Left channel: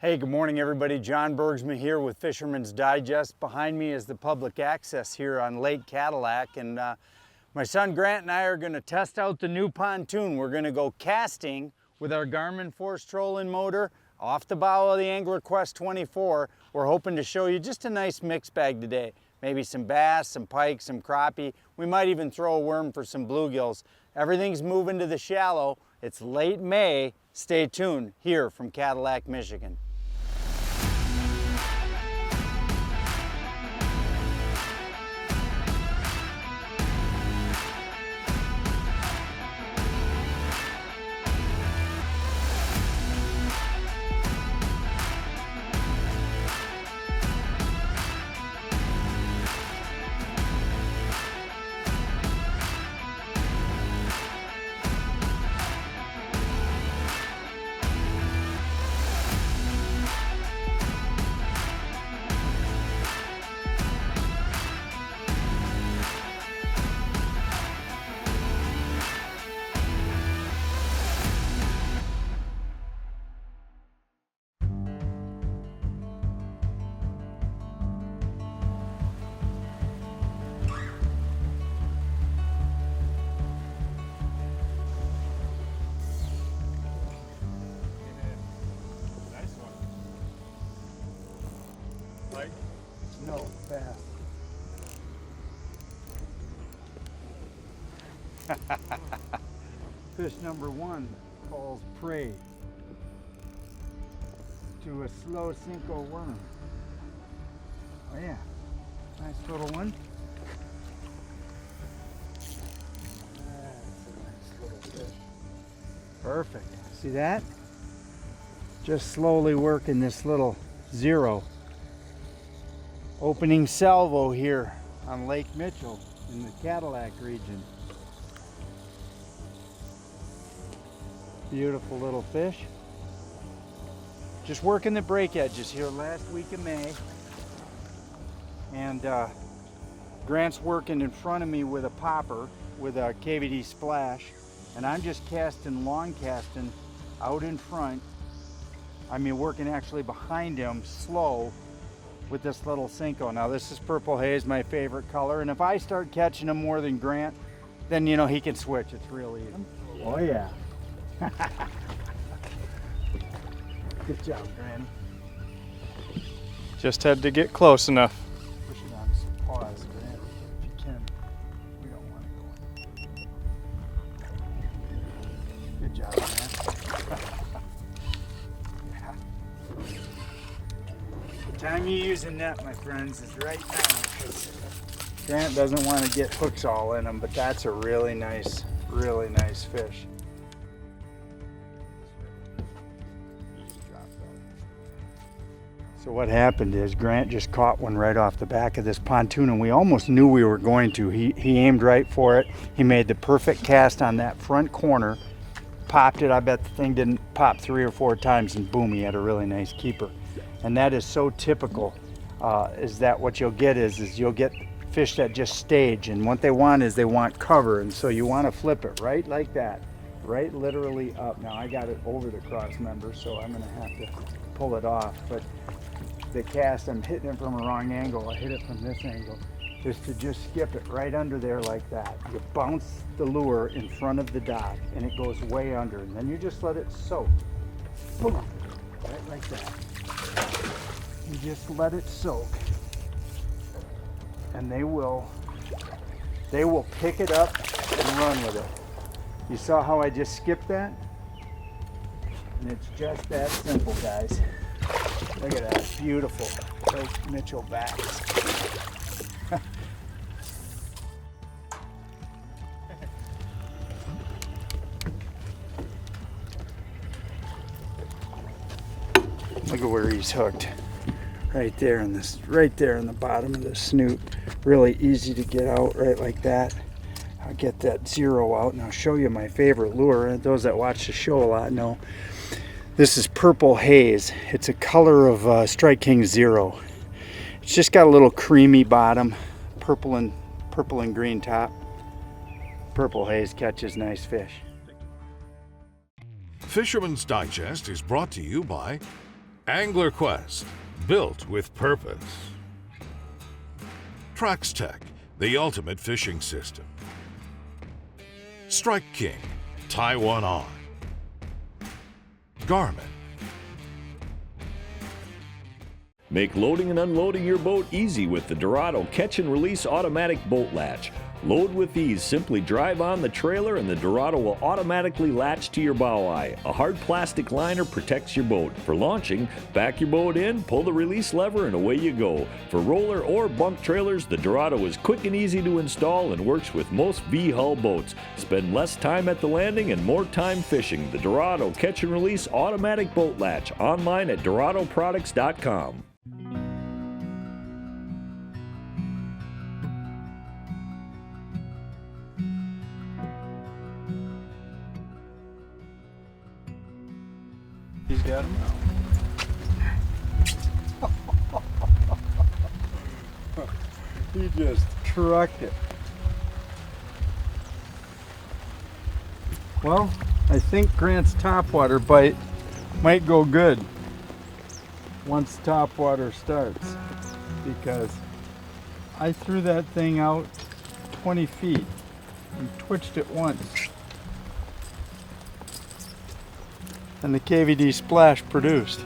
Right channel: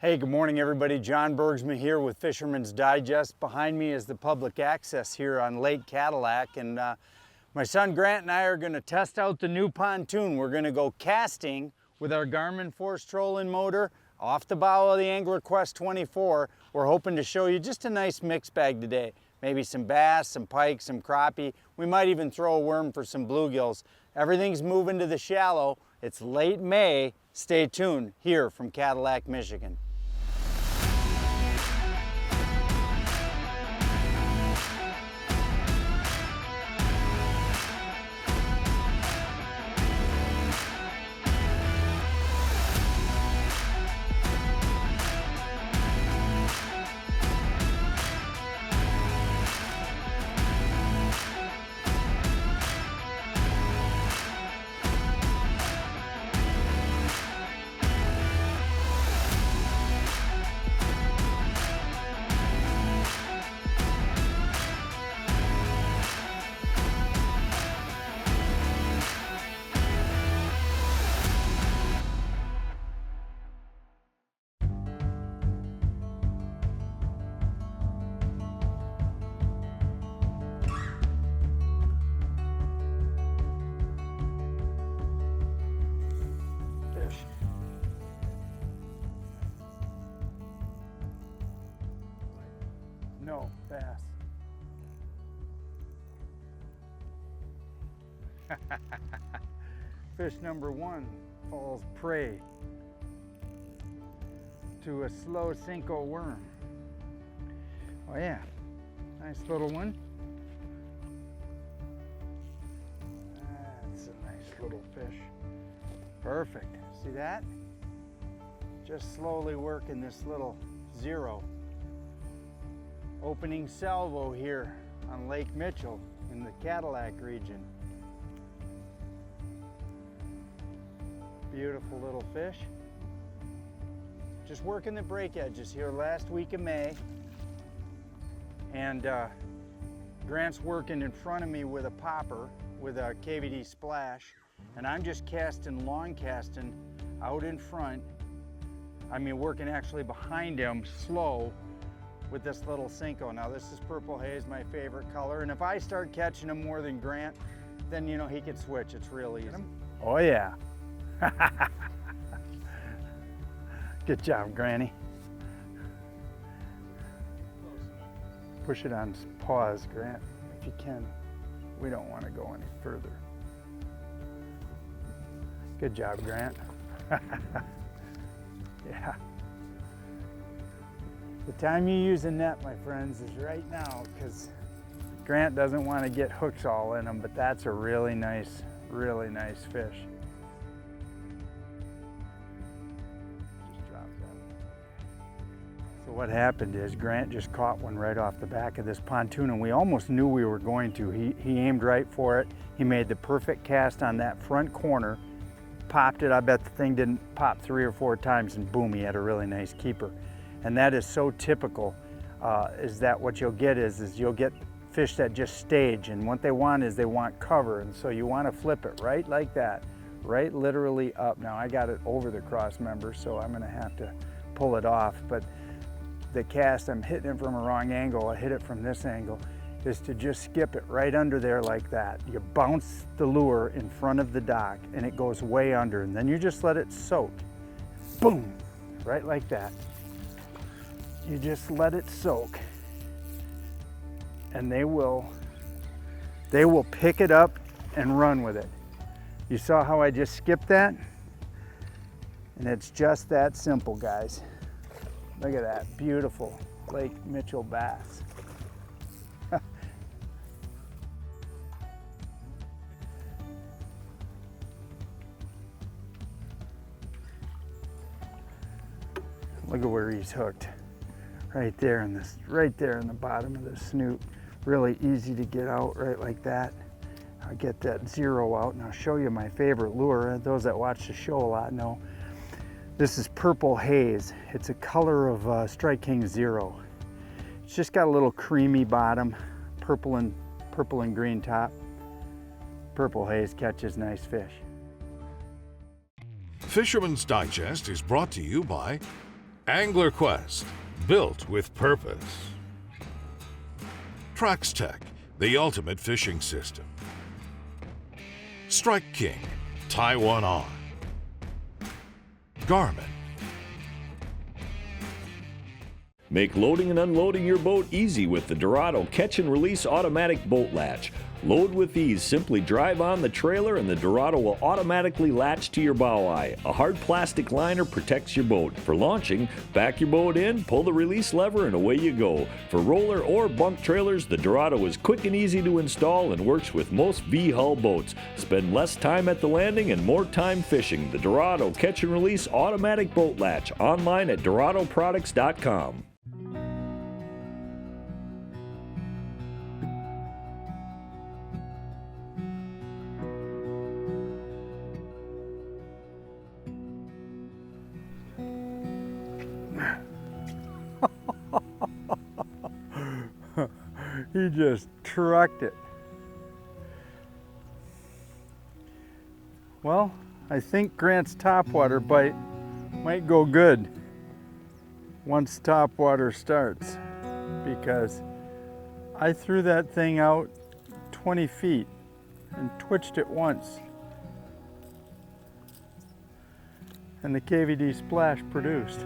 Hey, good morning everybody. John Bergsma here with Fisherman's Digest. Behind me is the public access here on Lake Cadillac, and my son Grant and I are going to test out the new pontoon. We're going to go casting with our Garmin force trolling motor off the bow of the Angler Qwest 24. We're hoping to show you just a nice mix bag today. Maybe some bass, some pike, some crappie. We might even throw a worm for some bluegills. Everything's moving to the shallow. It's late May. Stay tuned here from Cadillac, Michigan. Fish number one falls prey to a slow Cinco worm. Oh yeah, nice little one. That's a nice little fish. Perfect. See that? Just slowly working this little zero. Opening salvo here on Lake Mitchell in the Cadillac region. Beautiful little fish. Just working the break edges here last week of May. And Grant's working in front of me with a popper with a KVD splash. And I'm just casting, long casting out in front. I mean, working actually behind him slow with this little Cinco. Now this is purple haze, my favorite color. And if I start catching him more than Grant, then you know he can switch. It's real easy. Oh yeah. Good job, Granny. Just had to get close enough. Push it on pause, Grant, if you can. We don't want to go any further. Good job, Grant. Yeah. The time you use a net, my friends, is right now, because Grant doesn't want to get hooks all in them, but that's a really nice fish. So what happened is Grant just caught one right off the back of this pontoon, and we almost knew we were going to. He aimed right for it. He made the perfect cast on that front corner, popped it. I bet the thing didn't pop 3 or 4 times, and boom, he had a really nice keeper. And that is so typical, is that what you'll get is you'll get fish that just stage, and what they want is they want cover, and so you want to flip it right like that, right literally up. Now I got it over the cross member, so I'm going to have to pull it off, but the cast, I'm hitting it from a wrong angle. I hit it from this angle, just skip it right under there like that. You bounce the lure in front of the dock and it goes way under, and then you just let it soak. Boom, right like that. You just let it soak, and they will pick it up and run with it. You saw how I just skipped that? And it's just that simple, guys. Look at that, beautiful Lake Mitchell bass. Look at where he's hooked. Right there in the bottom of the snoot. Really easy to get out right like that. I'll get that zero out and I'll show you my favorite lure. Those that watch the show a lot know. This is purple haze. It's a color of Strike King Zero. It's just got a little creamy bottom, purple and green top. Purple haze catches nice fish. Fisherman's Digest is brought to you by Angler Qwest, built with purpose. Traxstech, the ultimate fishing system. Strike King, tie one on. Garmin. Make loading and unloading your boat easy with the Dorado catch and release automatic boat latch. Load with ease, simply drive on the trailer and the Dorado will automatically latch to your bow eye. A hard plastic liner protects your boat. For launching, back your boat in, pull the release lever and away you go. For roller or bunk trailers, the Dorado is quick and easy to install and works with most V-hull boats. Spend less time at the landing and more time fishing. The Dorado catch and release automatic boat latch, online at doradoproducts.com. He's got him. He just trucked it. Well, I think Grant's topwater bite might go good once topwater starts, because I threw that thing out 20 feet and twitched it once. And the KVD splash produced.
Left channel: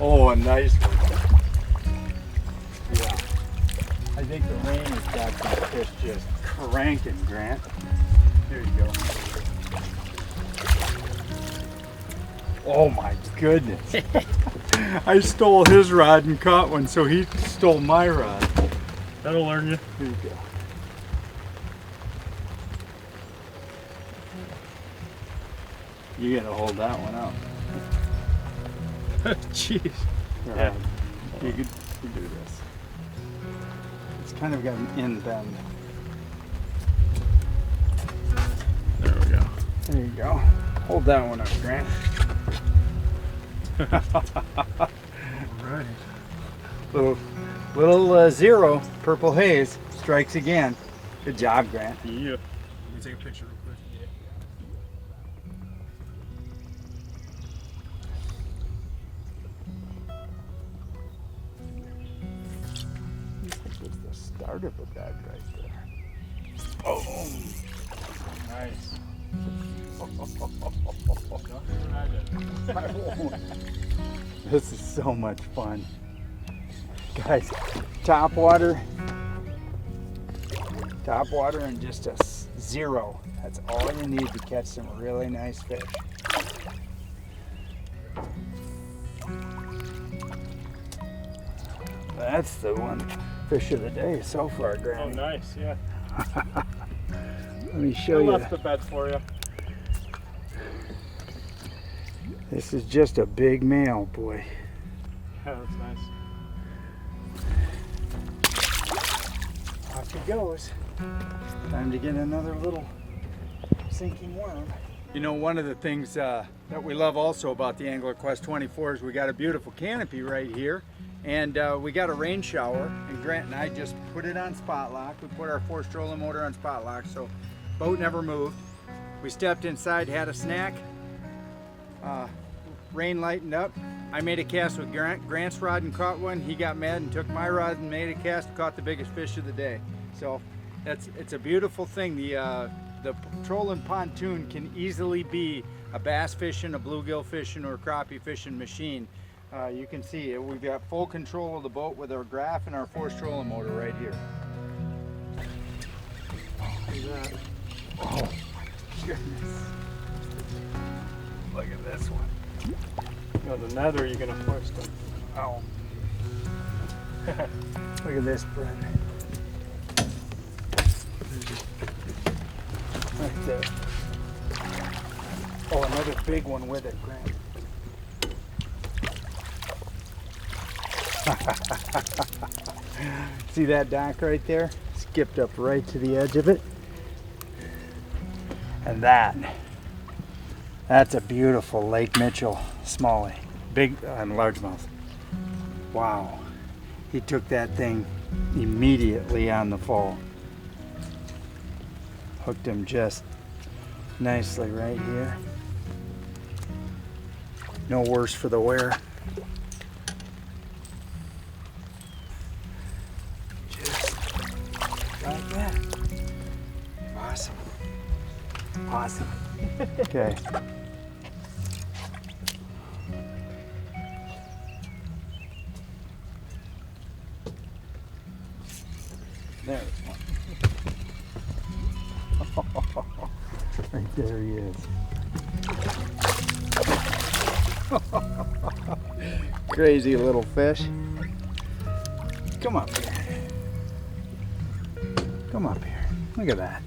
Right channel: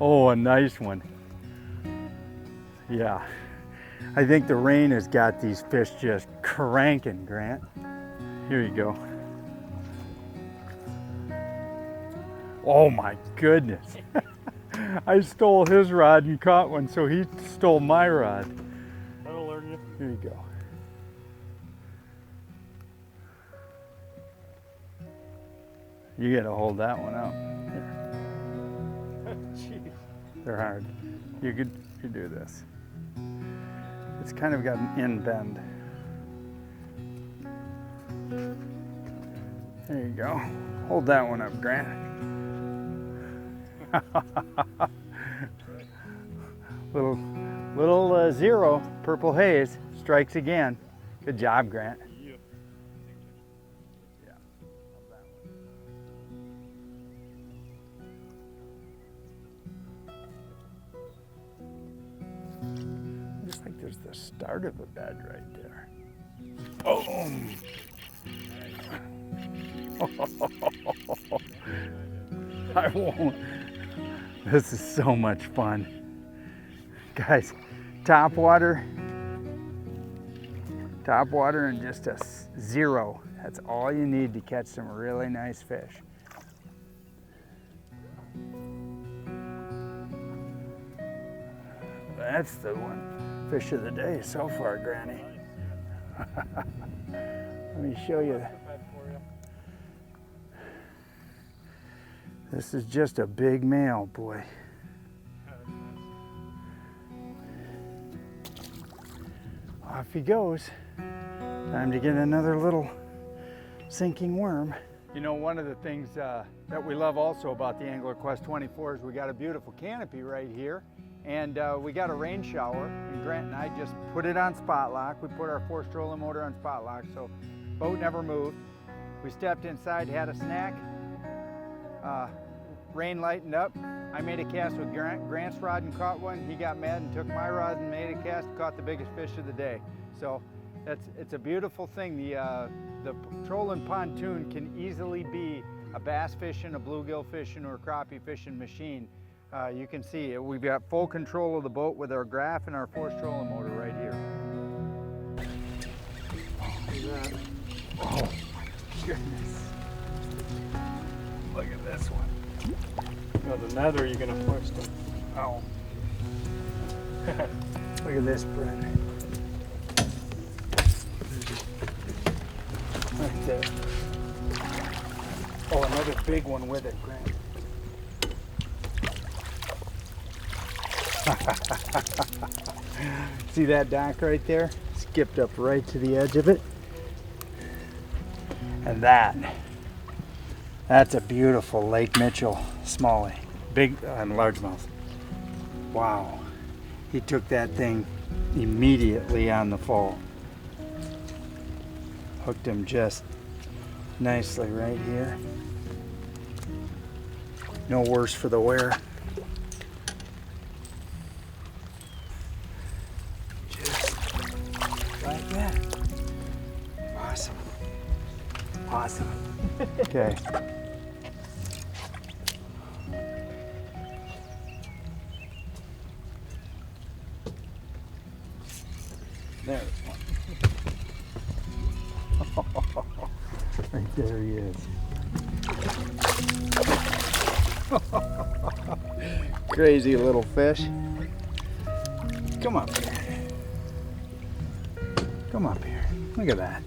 Oh, a nice one. Yeah. I think the rain has got these fish just cranking, Grant. Here you go. Oh my goodness. I stole his rod and caught one, so he stole my rod. That'll learn you. Here you go. You gotta hold that one out. Jeez. Yeah. You could do this. It's kind of got an end bend. There we go. There you go. Hold that one up, Grant. Right. Little zero, purple haze, strikes again. Good job, Grant. Yeah. Let me take a picture real quick. I think there's the start of the bed right there. Boom! Nice. I won't. This is so much fun. Guys, topwater and just a zero. That's all you need to catch some really nice fish. That's the one fish of the day so far, Oh, Granny. nice, yeah. Let me show I you. left the bed for you. This is just a big male, boy. Yeah, that's nice. Off he goes. Time to get another little sinking worm. You know, one of the things that we love also about the Angler Qwest 24 is we got a beautiful canopy right here, and we got a rain shower, and Grant and I just put it on spot lock. We put our 4-stroller motor on spot lock, so boat never moved. We stepped inside, had a snack, rain lightened up. I made a cast with Grant's rod and caught one. He got mad and took my rod and made a cast and caught the biggest fish of the day. So it's a beautiful thing. The trolling pontoon can easily be a bass fishing, a bluegill fishing, or a crappie fishing machine. You can see we've got full control of the boat with our graph and our 4-stroller motor right here. Look at that. Oh my goodness. Look at this one. No, the nether you're gonna push them. Oh. Look at this, Brent. Right there. Oh, another big one with it, Grant. See that dock right there? Skipped up right to the edge of it. And that's a beautiful Lake Mitchell smallie. Big and largemouth. Wow. He took that thing immediately on the fall. Hooked him just nicely right here. No worse for the wear. Just like that. Awesome. Awesome. Okay. There's one. Right there he is. Crazy little fish. Come up here. Come up here. Look at that.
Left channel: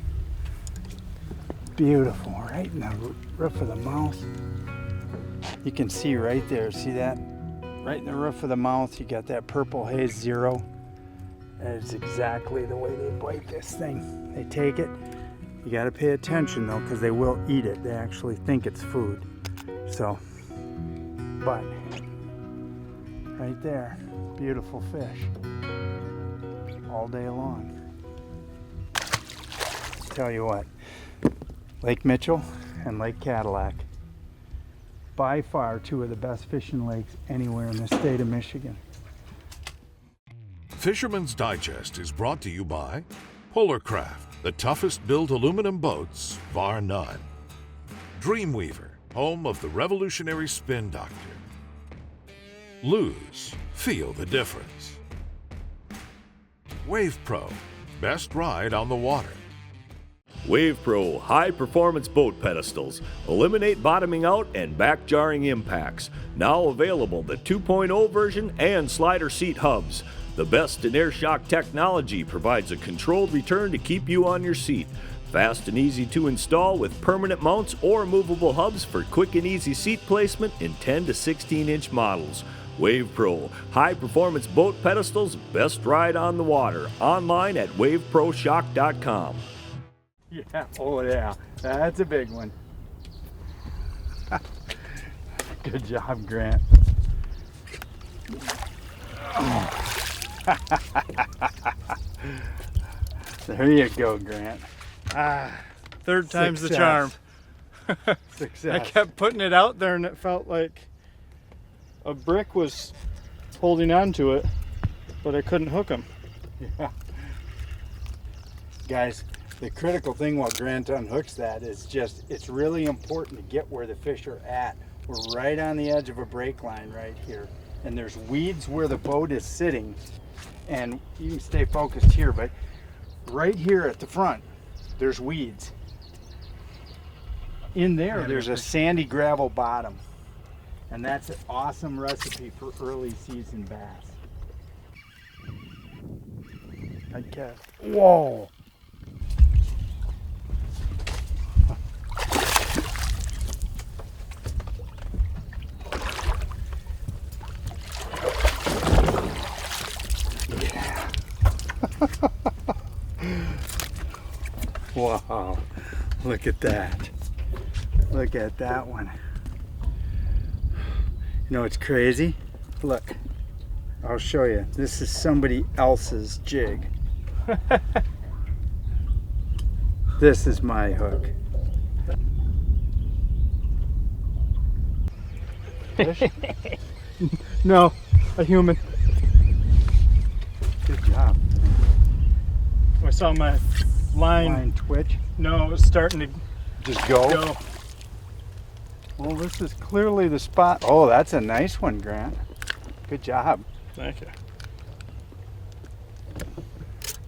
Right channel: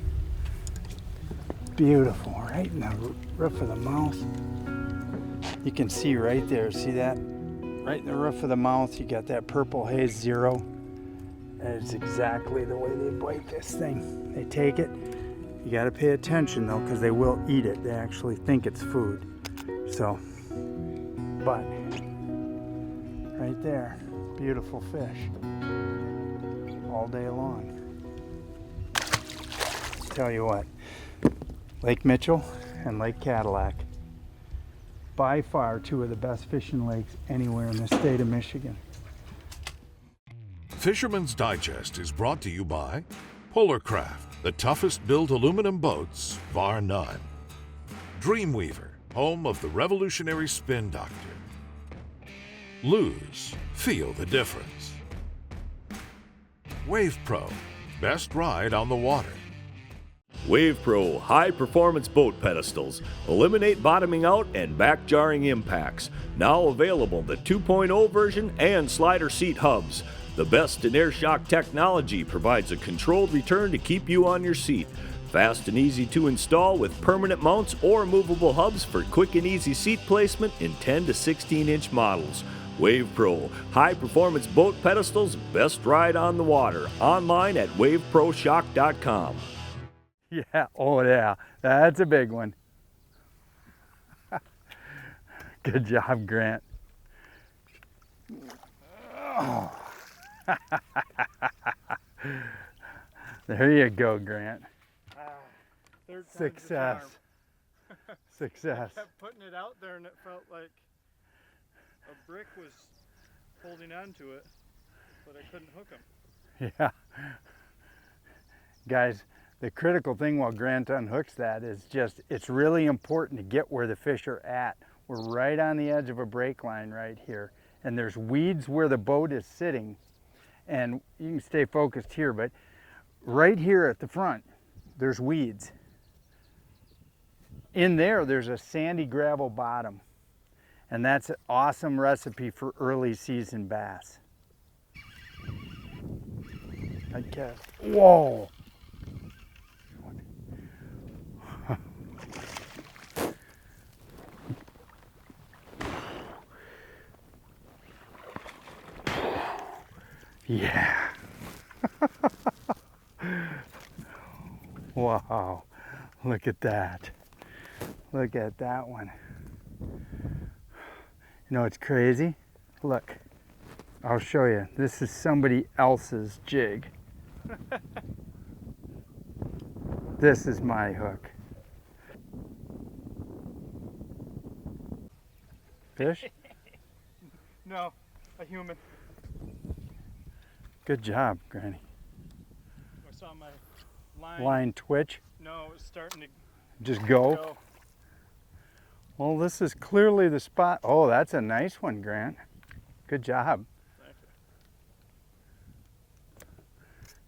Beautiful, right in the roof of the mouth. You can see right there, see that? Right in the roof of the mouth, you got that purple haze 0. That is exactly the way they bite this thing. They take it. You got to pay attention though, because they will eat it. They actually think it's food. So, but right there, beautiful fish all day long. Tell you what, Lake Mitchell and Lake Cadillac, by far 2 of the best fishing lakes anywhere in the state of Michigan. Fisherman's Digest is brought to you by Polarcraft, the toughest built aluminum boats, bar none. Dreamweaver, home of the revolutionary Spin Doctor. Lose, feel the difference. WavePro, best ride on the water. WavePro high-performance boat pedestals eliminate bottoming out and back-jarring impacts. Now available the 2.0 version and slider seat hubs. The best in air shock technology provides a controlled return to keep you on your seat. Fast and easy to install with permanent mounts or movable hubs for quick and easy seat placement in 10 to 16-inch models. WavePro, high-performance boat pedestals, best ride on the water. Online at waveproshock.com. Yeah, oh yeah, that's a big one. Good job, Grant. Oh. There you go, Grant. Third time's the Success. charm. Success. I kept putting it out there and it felt like a brick was holding on to it, but I couldn't hook them. Yeah. Guys, the critical thing while Grant unhooks that is just, it's really important to get where the fish are at. We're right on the edge of a break line right here. And there's weeds where the boat is sitting. And you can stay focused here, but right here at the front, there's weeds. In there, there's a sandy gravel bottom. And that's an awesome recipe for early season bass. I'd cast. Whoa! Yeah. Wow. Look at that. Look at that one. You know what's crazy? Look. I'll show you. This is somebody else's jig. This is my hook. Fish? No, a human. Good job. I saw my line. Line twitch. No, it was starting to Just go. go. Well, this is clearly the spot. Oh, that's a nice one, Grant. Good job. Thank you.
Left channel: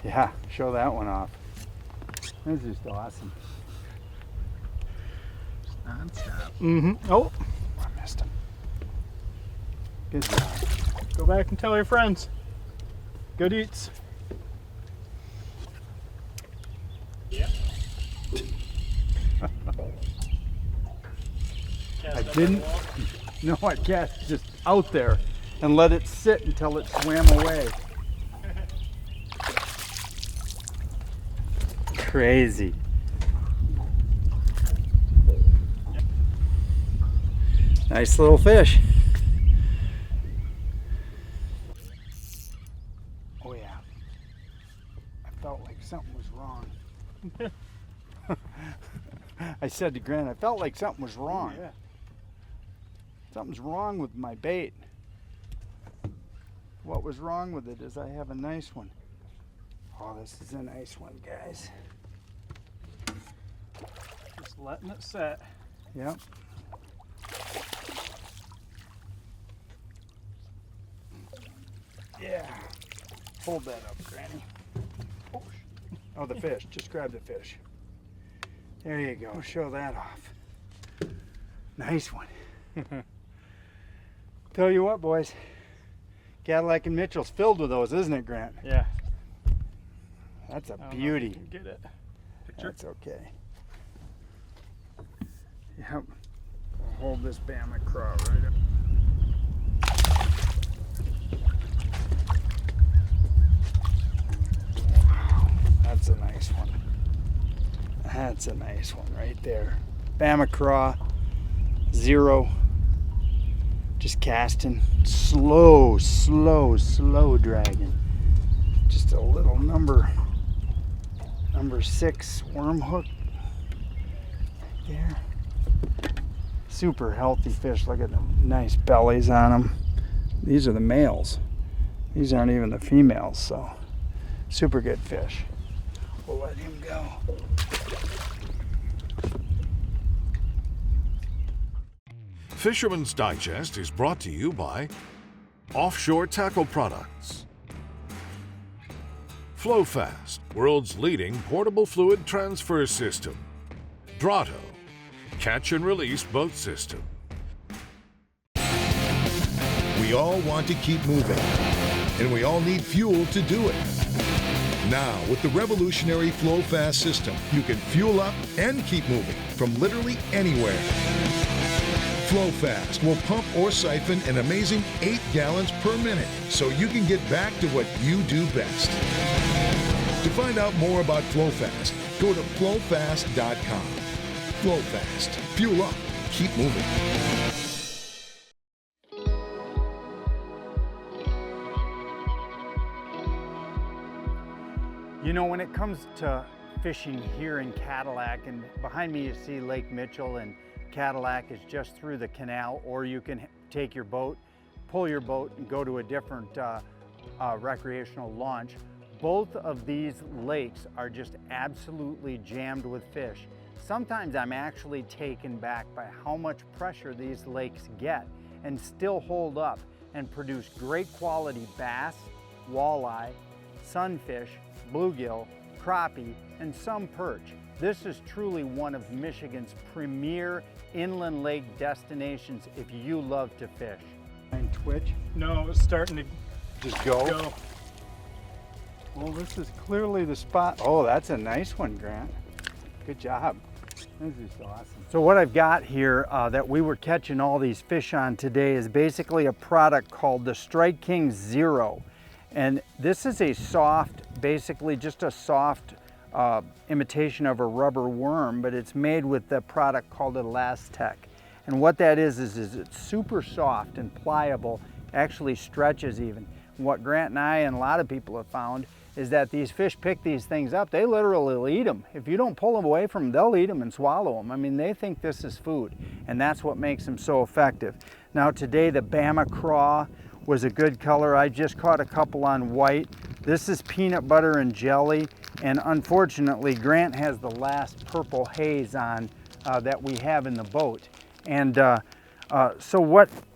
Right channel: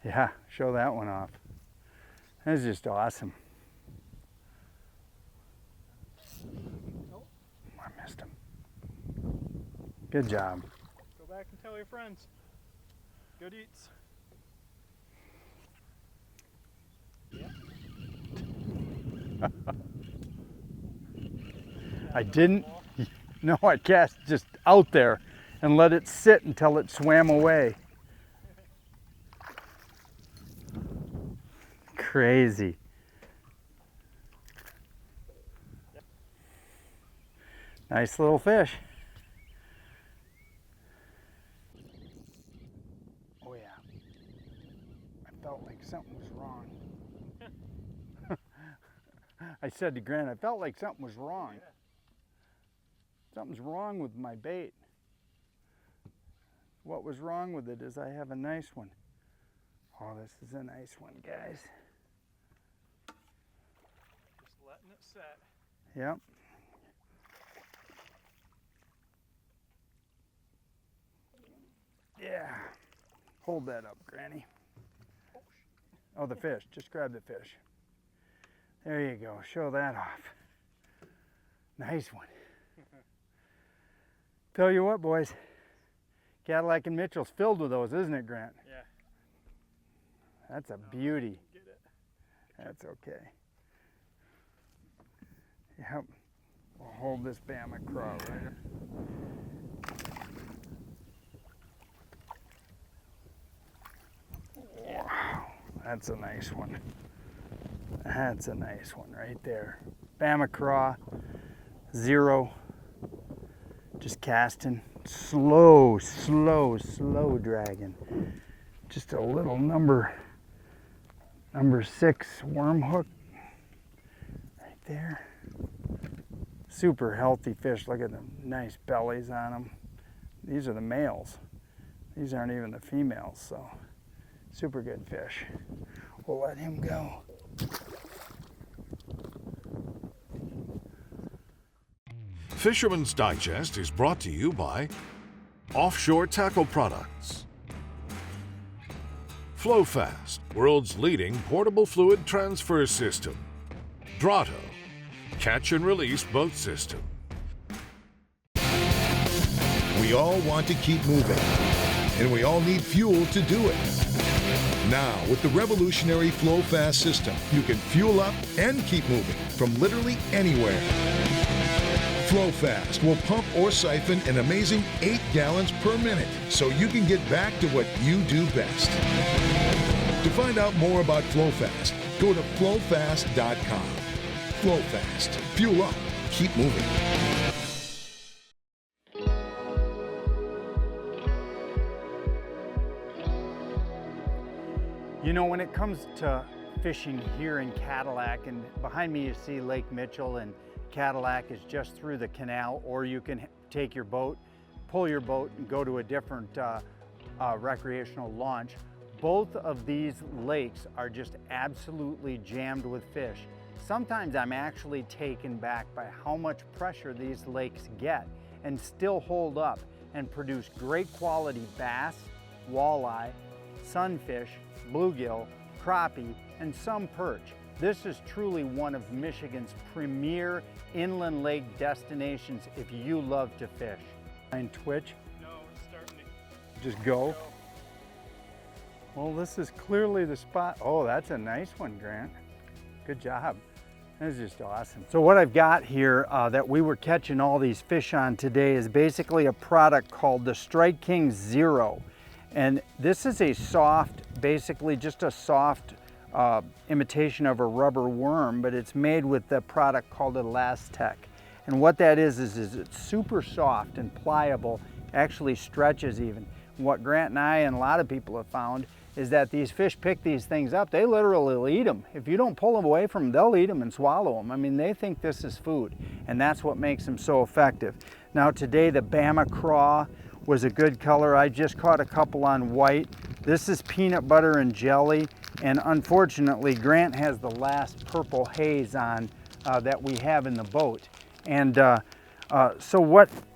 Yeah, show that one off. This is just awesome. Mm-hmm. Oh, I missed him. Good job. go back and tell your friends. Good eats. I didn't. No, I cast just out there and let it sit until it swam away. Crazy. Nice little fish. Oh yeah. I felt like something was wrong. I said to Grant, I felt like something was wrong. Yeah. Something's wrong with my bait. What was wrong with it is I have a nice one. Oh, this is a nice one, guys. Just letting it set. Yep. Yeah. Hold that up, Granny. Oh, the fish. Just grab the fish. There you go. Show that off. Nice one. Tell you what, boys. Cadillac and Mitchell's filled with those, isn't it, Grant? Yeah. That's a I don't know if beauty. you can get it. Picture. That's okay. Yep. I'll hold this Bama craw right up. Wow. That's a nice one. That's a nice one right there. Bama craw, 0. Just casting. Slow dragging. Just a little number 6 worm hook right there. Super healthy fish. Look at the nice bellies on them. These are the males. These aren't even the females, so super good fish. We'll let him go. Fisherman's Digest is brought to you by Offshore Tackle Products, Flo-Fast, world's leading portable fluid transfer system, Drotto, catch and release boat system. We all want to keep moving, and we all need fuel to do it. Now, with the revolutionary Flo-Fast system, you can fuel up and keep moving from literally anywhere. Flo-Fast will pump or siphon an amazing 8 gallons per minute, so you can get back to what you do best. To find out more about Flo-Fast, go to flofast.com. Flo-Fast. Fuel up. Keep moving. You know, when it comes to fishing here in Cadillac, and behind me you see Lake Mitchell, and Cadillac is just through the canal, or you can take your boat, pull your boat and go to a different recreational launch. Both of these lakes are just absolutely jammed with fish. Sometimes I'm actually taken back by how much pressure these lakes get and still hold up and produce great quality bass, walleye, sunfish, bluegill, crappie, and some perch. This is truly one of Michigan's premier inland lake destinations if you love to fish. And twitch? No, it's starting to Just go? go. Well, this is clearly the spot. Oh, that's a nice one, Grant. Good job. This is just awesome. So what I've got here that we were catching all these fish on today is basically a product called the Strike King Zero. And this is a soft, basically just a soft imitation of a rubber worm, but it's made with the product called Latch. And what that is it's super soft and pliable, actually stretches even. What Grant and I and a lot of people have found is that these fish pick these things up. They literally will eat them. If you don't pull them away from them, they'll eat them and swallow them. I mean, they think this is food, and that's what makes them so effective. Now today the Bama craw was a good color. I just caught a couple on white. This is peanut butter and jelly, and unfortunately Grant has the last purple haze on that we have in the boat. And so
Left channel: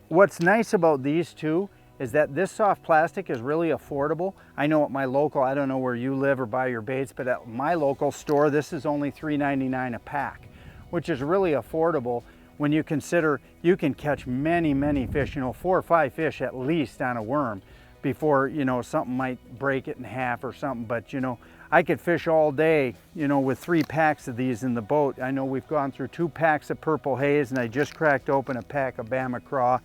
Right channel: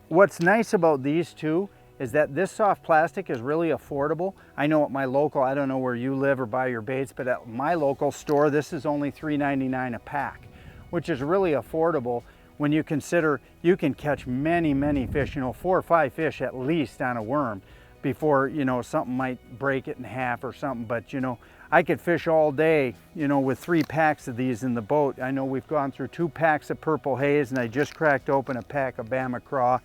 what's nice about these two is that this soft plastic is really affordable. I know at my local, I don't know where you live or buy your baits, but at my local store, this is only $3.99 a pack, which is really affordable when you consider you can catch many, many fish, 4 or 5 fish at least on a worm before, something might break it in half or something. But, I could fish all day, with 3 packs of these in the boat. I know we've gone through 2 packs of purple haze, and I just cracked open a pack of Bama craw,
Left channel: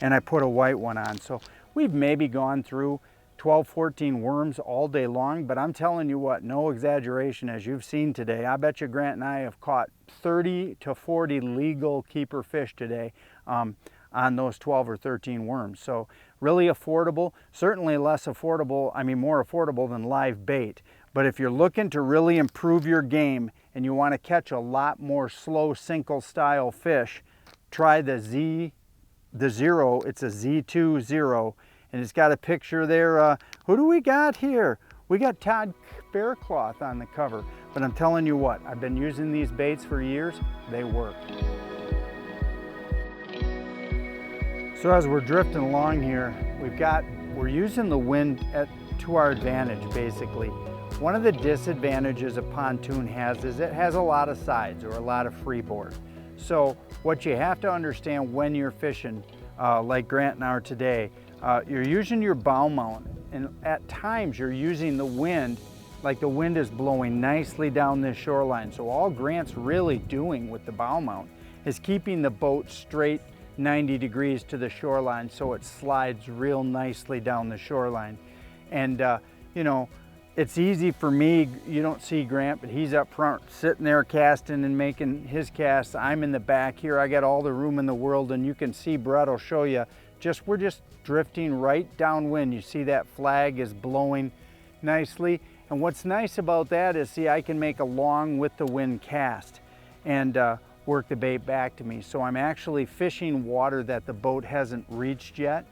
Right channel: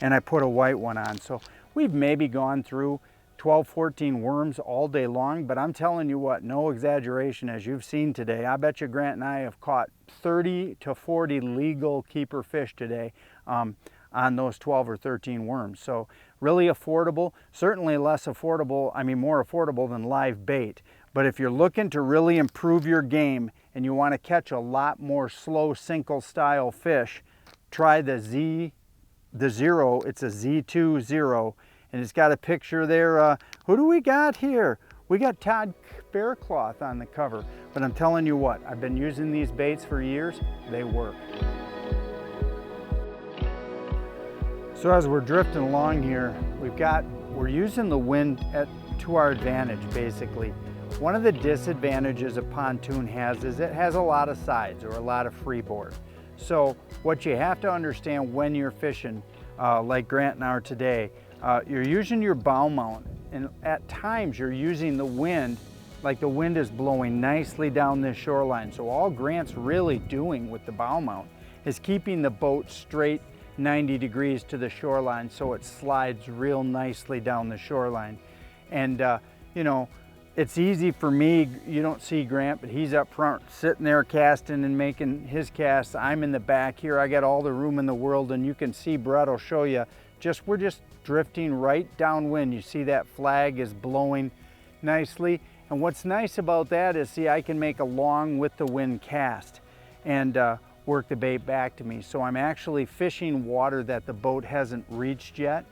and I put a white one on. So we've maybe gone through 12, 14 worms all day long, but I'm telling you what, no exaggeration, as you've seen today, I bet you Grant and I have caught 30 to 40 legal keeper fish today on those 12 or 13 worms. So really affordable, certainly less affordable, more affordable than live bait. But if you're looking to really improve your game and you want to catch a lot more slow sinkle style fish, try the the Zero. It's a Z2 Zero, and it's got a picture there. Who do we got here? We got Todd Bearcloth on the cover. But I'm telling you what, I've been using these baits for years. They work. So as we're drifting along here, we're using the wind to our advantage, basically. One of the disadvantages a pontoon has is it has a lot of sides or a lot of freeboard. So what you have to understand when you're fishing, like Grant and I are today, you're using your bow mount, and at times you're using the wind, like the wind is blowing nicely down this shoreline. So all Grant's really doing with the bow mount is keeping the boat straight 90 degrees to the shoreline so it slides real nicely down the shoreline. And you know, it's easy for me. You don't see Grant, but he's up front sitting there casting and making his casts. I'm in the back here. I got all the room in the world, and you can see Brett will show you, we're just drifting right downwind. You see that flag is blowing nicely. And what's nice about that is, see, I can make a long with the wind cast and work the bait back to me. So I'm actually fishing water that the boat hasn't reached yet.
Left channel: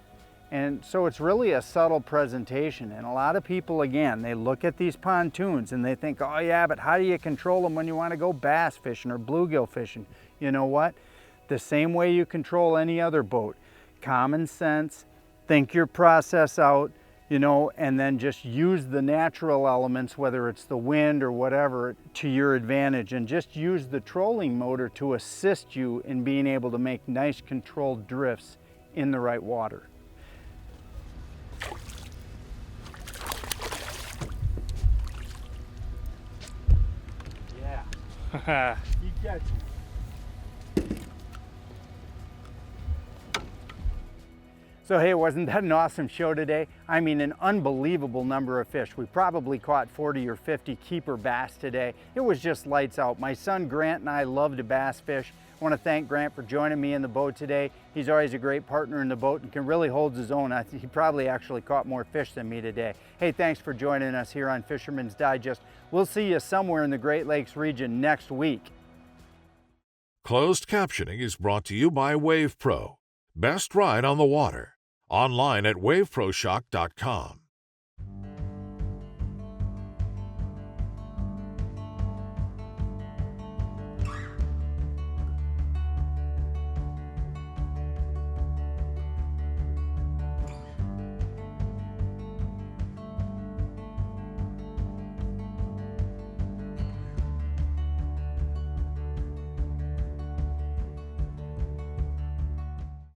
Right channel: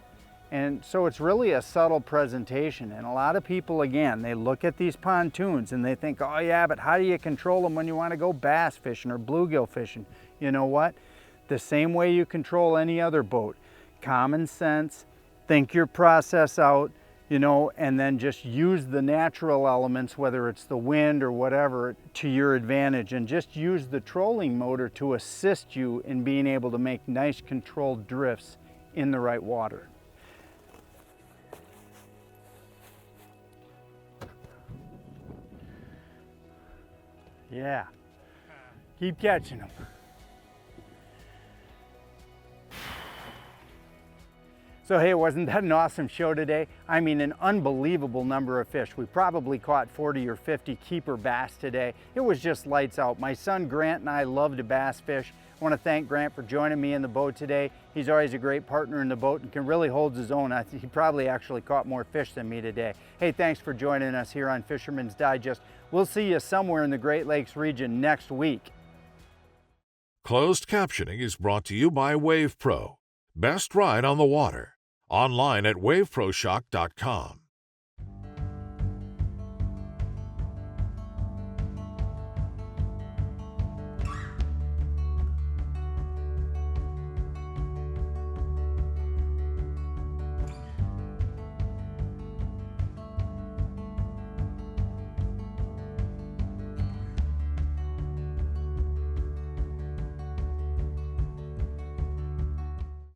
And so it's really a subtle presentation. And a lot of people, again, they look at these pontoons and they think, oh yeah, but how do you control them when you want to go bass fishing or bluegill fishing? You know what? The same way you control any other boat. Common sense, think your process out, you know, and then just use the natural elements, whether it's the wind or whatever, to your advantage, and just use the trolling motor to assist you in being able to make nice controlled drifts in the right water. Yeah, keep catching them. So hey, wasn't that an awesome show today? I mean, an unbelievable number of fish. We probably caught 40 or 50 keeper bass today. It was just lights out. My son Grant and I love to bass fish. I want to thank Grant for joining me in the boat today. He's always a great partner in the boat and can really hold his own. He probably actually caught more fish than me today. Hey, thanks for joining us here on Fisherman's Digest. We'll see you somewhere in the Great Lakes region next week. Closed captioning is brought to you by WavePro. Best ride on the water. Online at waveproshock.com.